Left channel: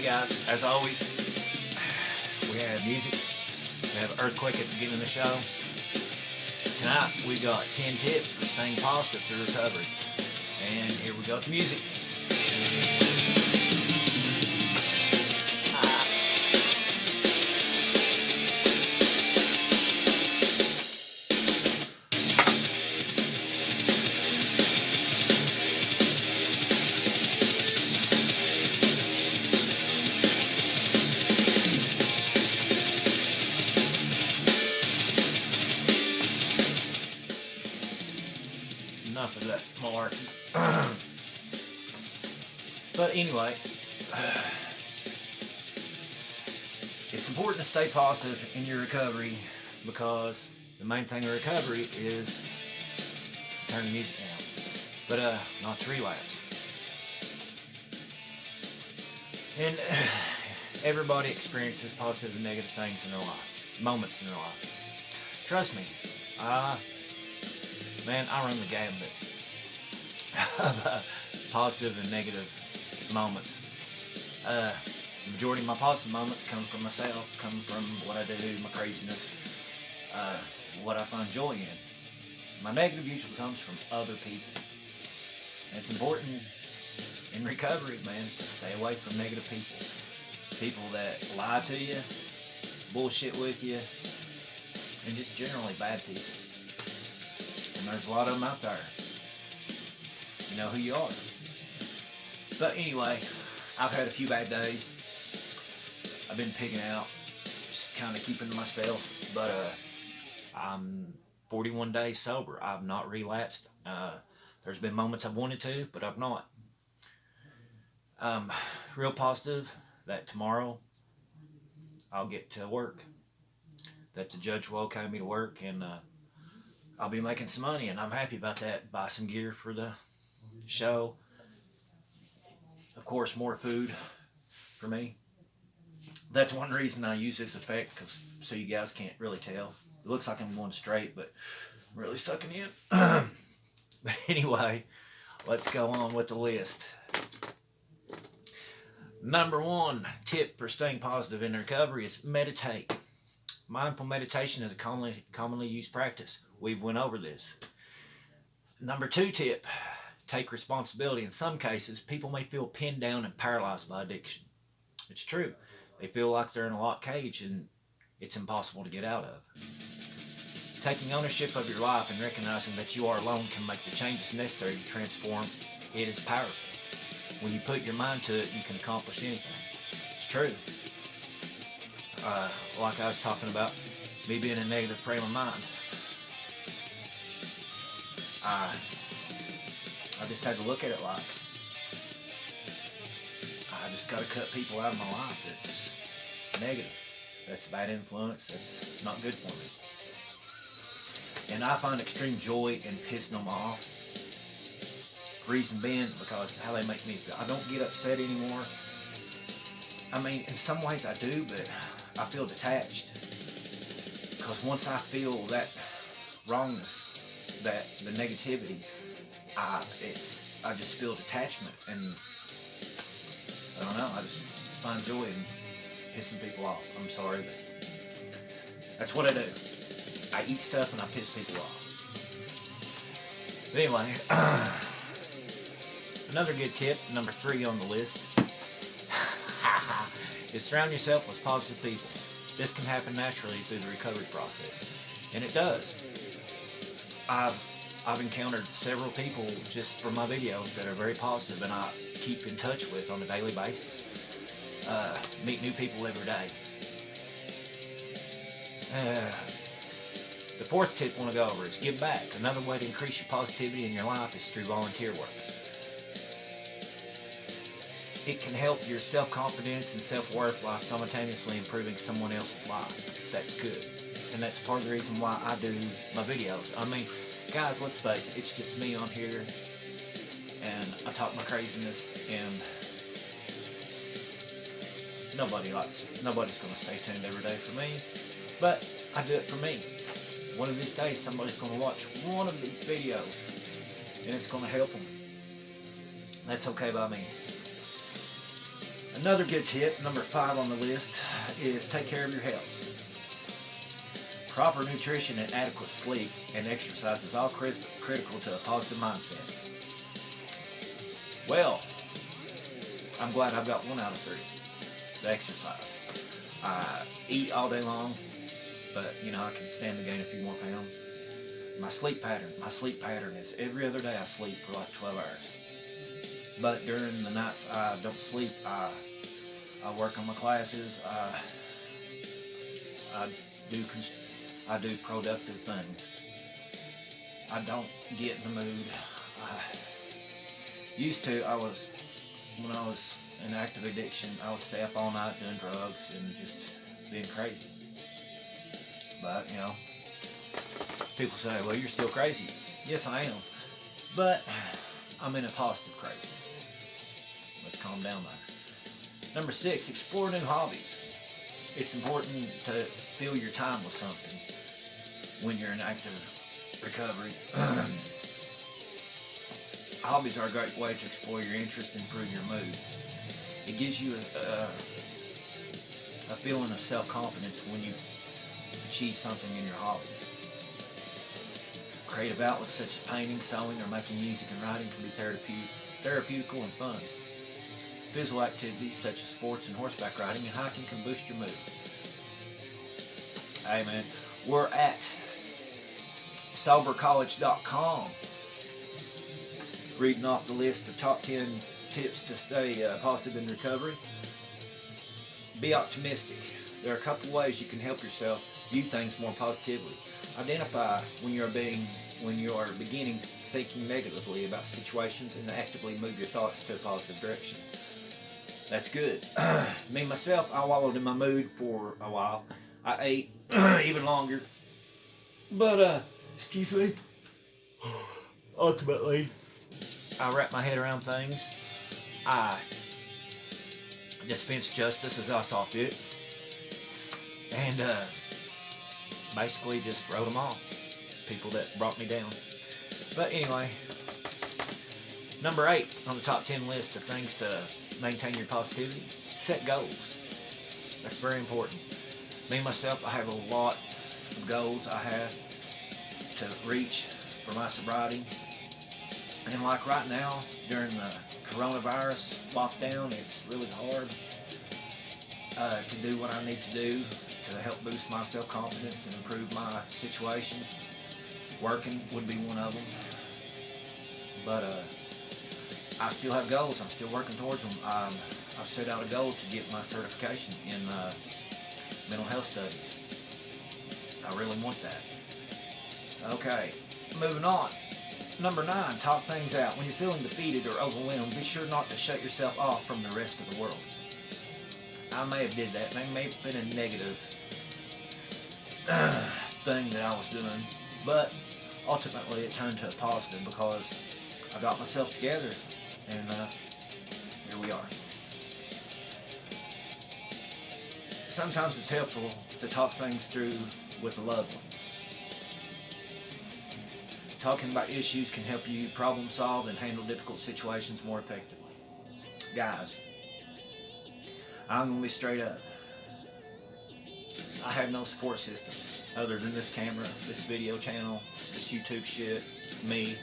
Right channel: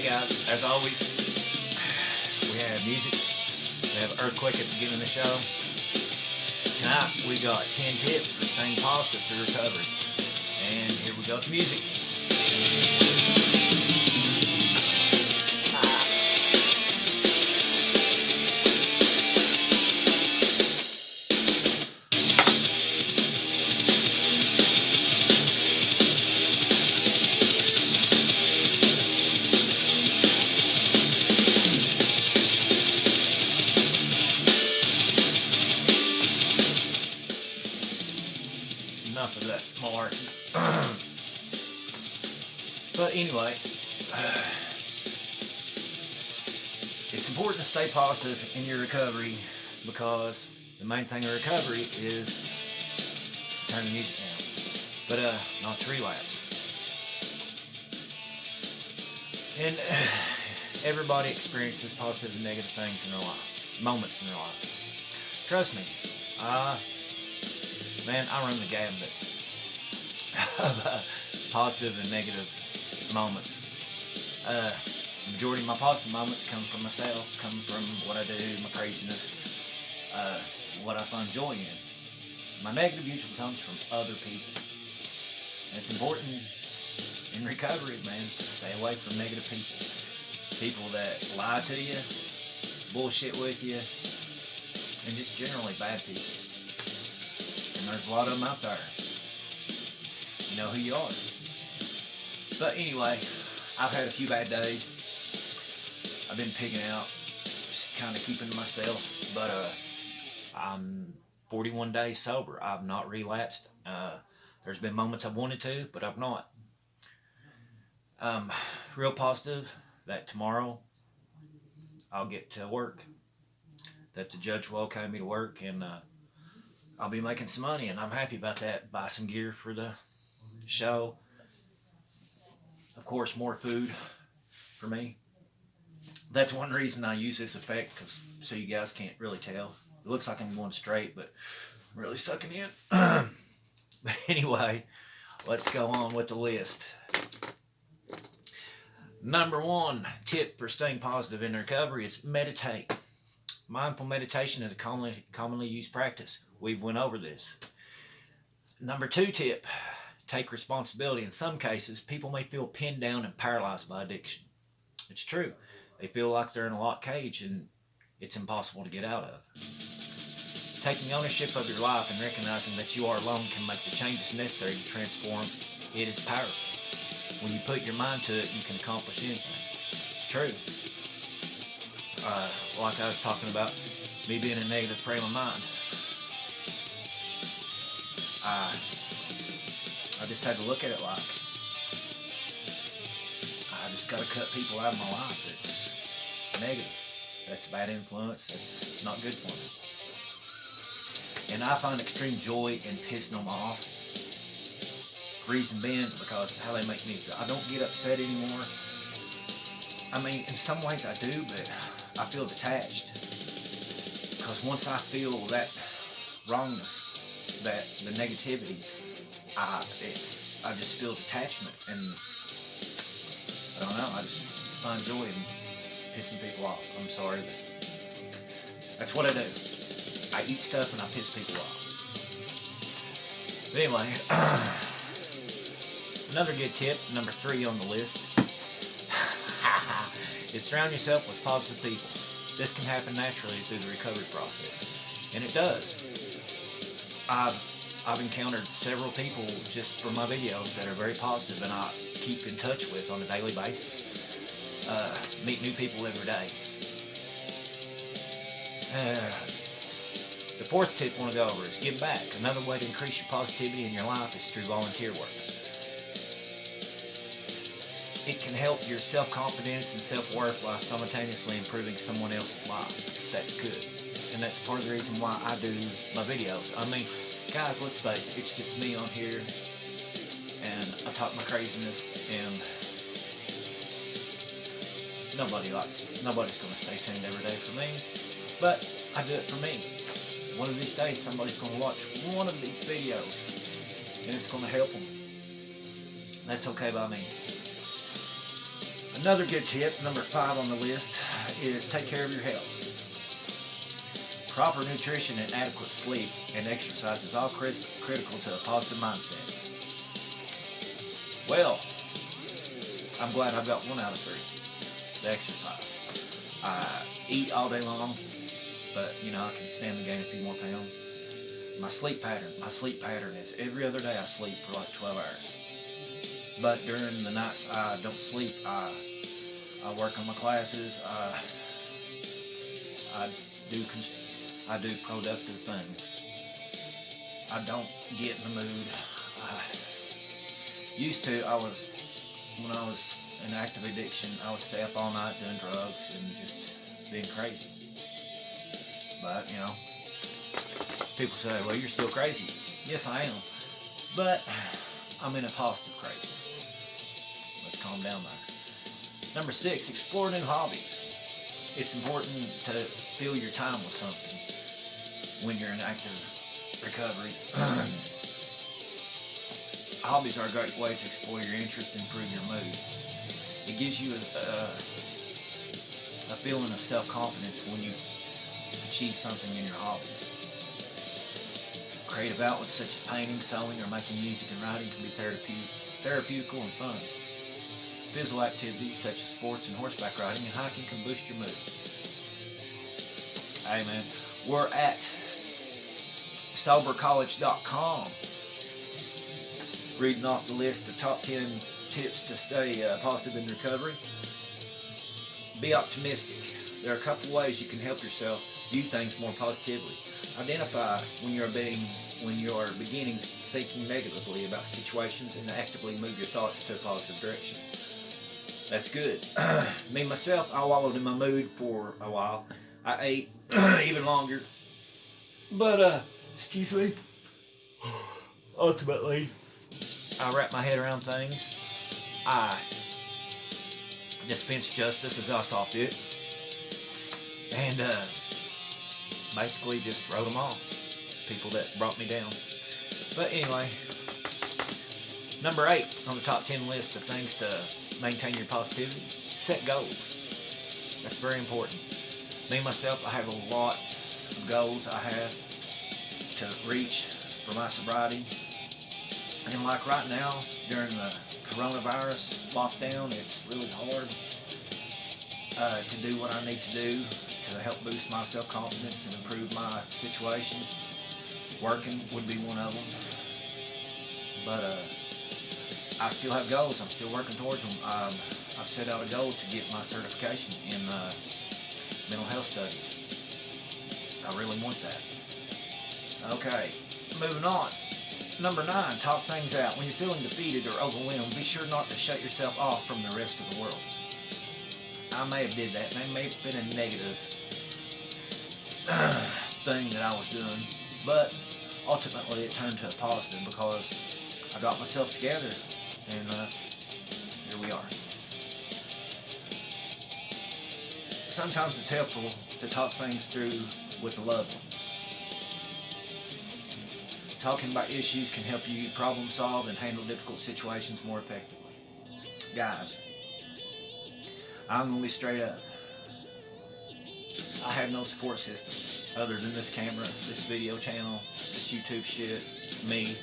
Hey guys, as always, we have music. We have Earthquake at the beginning of the show. Tonight we got 10 tips for staying positive through recovery. And here we go with the music. Enough of that malarkey. But anyway, it's important to stay positive in your recovery because the main thing in recovery is to turn the music down, but not to relapse. And everybody experiences positive and negative things in their life, moments in their life. Trust me, man, I run the gambit of positive and negative moments. The majority of my positive moments come from myself, come from what I do, my craziness, what I find joy in. My negative usually comes from other people. And it's important in recovery, man, to stay away from negative people. People that lie to you, bullshit with you, and just generally bad people. And there's a lot of them out there. You know who you are. But anyway, I've had a few bad days. I've been pigging out, just kind of keeping to myself. But I'm 41 days sober. I've not relapsed. There's been moments I've wanted to, but I've not. Real positive that tomorrow I'll get to work. That the judge will okay me to work, and I'll be making some money, and I'm happy about that. Buy some gear for the show. Of course, more food for me. That's one reason I use this effect, cause so you guys can't really tell. It looks like I'm going straight, but I'm really sucking in. But anyway, let's go on with the list. Number 1 tip for staying positive in recovery is meditate. Mindful meditation is a commonly used practice. We've went over this. Number 2 tip, take responsibility. In some cases, people may feel pinned down and paralyzed by addiction. It's true. They feel like they're in a locked cage and it's impossible to get out of. Taking ownership of your life and recognizing that you are alone can make the changes necessary to transform it is powerful. When you put your mind to it, you can accomplish anything. It's true. Like I was talking about, me being in a negative frame of mind. I just had to look at it like I just got to cut people out of my life that's negative. That's a bad influence. That's not good for me. And I find extreme joy in pissing them off. Reason being, because how they make me feel. I don't get upset anymore. I mean, in some ways I do, but I feel detached. Because once I feel that wrongness, that the negativity, I just feel detachment, and I don't know, I just find joy in pissing people off. I'm sorry, but that's what I do. I eat stuff and I piss people off. But anyway, another good tip, number 3 on the list, is surround yourself with positive people. This can happen naturally through the recovery process, and it does. I've encountered several people just from my videos that are very positive, and I keep in touch with on a daily basis. Meet new people every day. The 4th tip I want to go over is give back. Another way to increase your positivity in your life is through volunteer work. It can help your self-confidence and self-worth while simultaneously improving someone else's life. That's good. And that's part of the reason why I do my videos. I mean, guys, let's face it, it's just me on here, and I talk my craziness, and nobody's going to stay tuned every day for me, but I do it for me. One of these days, somebody's going to watch one of these videos, and it's going to help them. That's okay by me. Another good tip, number 5 on the list, is take care of your health. Proper nutrition and adequate sleep and exercise is all critical to a positive mindset. Well, I'm glad I've got 1 out of 3. The exercise. I eat all day long, but I can stand to gain a few more pounds. My sleep pattern is every other day I sleep for like 12 hours. But during the nights I don't sleep, I work on my classes. I do productive things. I don't get in the mood. When I was in active addiction, I would stay up all night doing drugs and just being crazy. But, people say, well, you're still crazy. Yes, I am. But I'm in a positive crazy. Let's calm down there. Number 6, explore new hobbies. It's important to fill your time with something when you're in active recovery. Hobbies are a great way to explore your interest and improve your mood. It gives you a feeling of self-confidence when you achieve something in your hobbies. Creative outlets such as painting, sewing, or making music and writing can be therapeutical and fun. Physical activities such as sports and horseback riding and hiking can boost your mood. Hey man, we're at SoberCollege.com, reading off the list of top 10 tips to stay positive in recovery. Be optimistic. There are a couple ways you can help yourself view things more positively. Identify when you are beginning thinking negatively about situations and actively move your thoughts to a positive direction. That's good. Me, myself, I wallowed in my mood for a while. I ate even longer. But, excuse me, ultimately, I wrapped my head around things. I dispensed justice as I saw fit. And, basically just wrote them off. People that brought me down. But anyway, number 8 on the top 10 list of things to maintain your positivity, set goals. That's very important. Me, myself, I have a lot of goals I have to reach for my sobriety. And like right now, during the coronavirus lockdown, it's really hard to do what I need to do to help boost my self-confidence and improve my situation. Working would be one of them. But I still have goals. I'm still working towards them. I've set out a goal to get my certification in mental health studies. I really want that. Okay, moving on. Number 9, talk things out. When you're feeling defeated or overwhelmed, be sure not to shut yourself off from the rest of the world. I may have did that. That may have been a negative thing that I was doing, but ultimately it turned to a positive because I got myself together, and here we are. Sometimes it's helpful to talk things through with a loved one. Talking about issues can help you problem solve and handle difficult situations more effectively. Guys, I'm going to be straight up. I have no support system other than this camera, this video channel, this YouTube shit, me.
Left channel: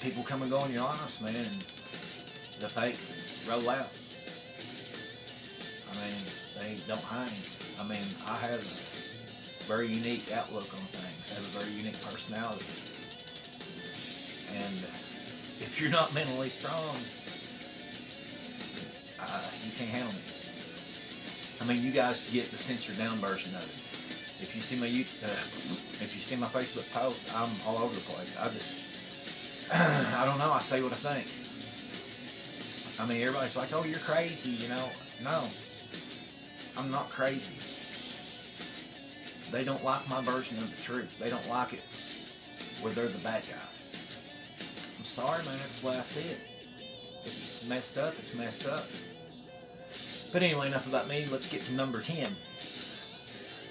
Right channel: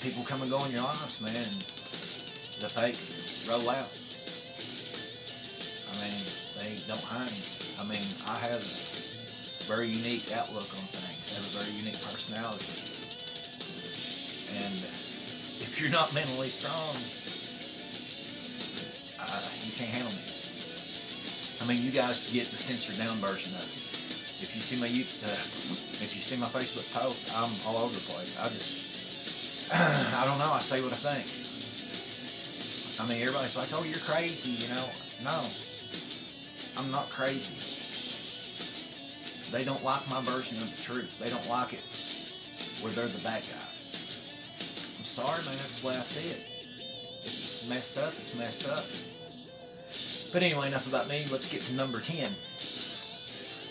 People come and go in your lives, man, and the fake roll out. I mean, they don't hang. I mean, I have a very unique outlook on things. I have a very unique personality. And if you're not mentally strong, you can't handle me. I mean, you guys get the censored down version of it. If you see my if you see my Facebook post, I'm all over the place. I don't know. I say what I think. I mean, everybody's like, "Oh, you're crazy," you know. No, I'm not crazy. They don't like my version of the truth. They don't like it where they're the bad guy. I'm sorry, man. That's the way I see it. If it's messed up, it's messed up. But anyway, enough about me. Let's get to number 10.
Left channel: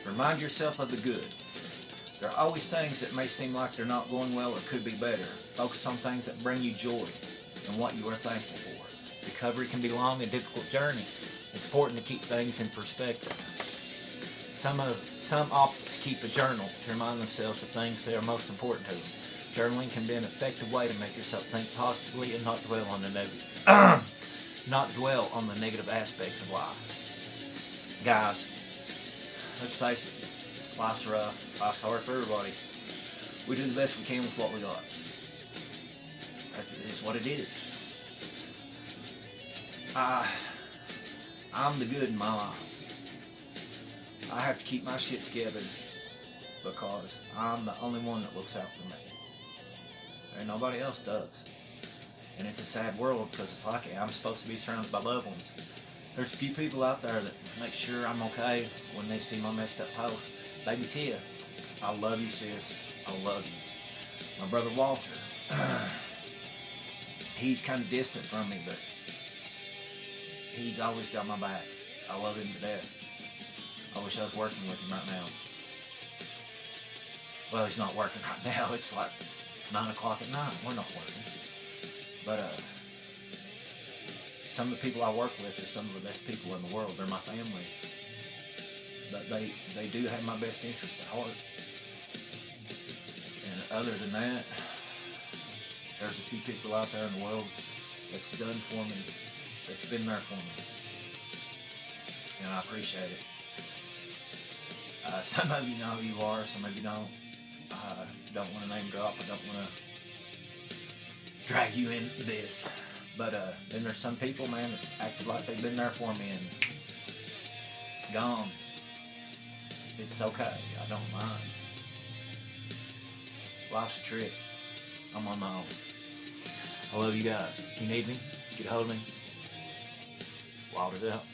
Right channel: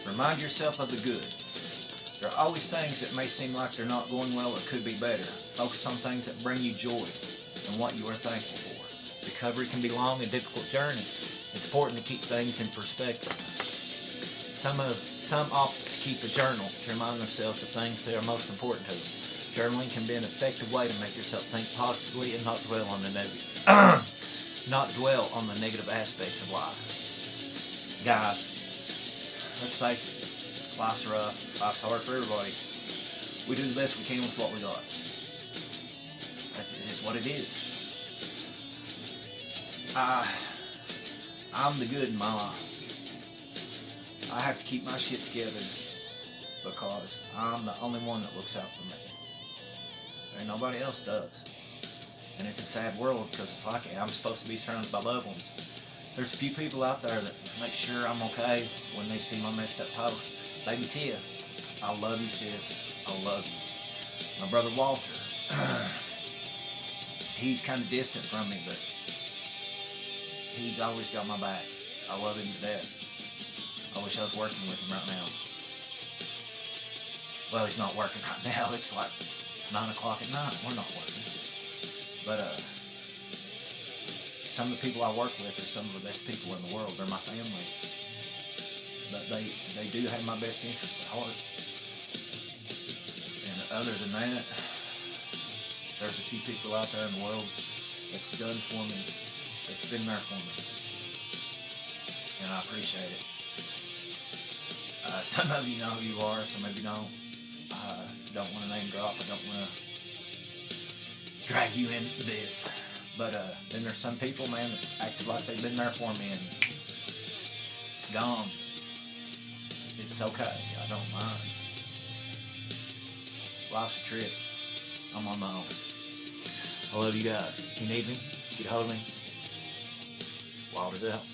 Remind yourself of the good. There are always things that may seem like they're not going well or could be better. Focus on things that bring you joy and what you are thankful for. Recovery can be a long and difficult journey. It's important to keep things in perspective. Some opt to keep a journal to remind themselves of things that are most important to them. Journaling can be an effective way to make yourself think positively and not dwell on the negative, aspects of life. Guys, let's face it, life's rough, life's hard for everybody. We do the best we can with what we got. That's what it is. I'm the good in my life. I have to keep my shit together because I'm the only one that looks out for me. There ain't nobody else does. And it's a sad world because it's like I'm supposed to be surrounded by loved ones. There's a few people out there that make sure I'm okay when they see my messed up post. Baby Tia, I love you, sis. I love you. My brother Walter, he's kind of distant from me, but he's always got my back. I love him to death. I wish I was working with him right now. Well, he's not working right now. It's like 9 o'clock at night. We're not working. But some of the people I work with are some of the best people in the world. They're my family. But they do have my best interests at heart. And other than that, there's a few people out there in the world that's done for me, that's been there for me. And I appreciate it. Some of you know who you are, some of you don't. I don't want to name drop. I don't want to drag you into this. But then there's some people, man, that's acted like they've been there for me and gone. It's okay. I don't mind. Life's a trip. I'm on my own. I love you guys. If you need me, get a hold of me. Walter's out.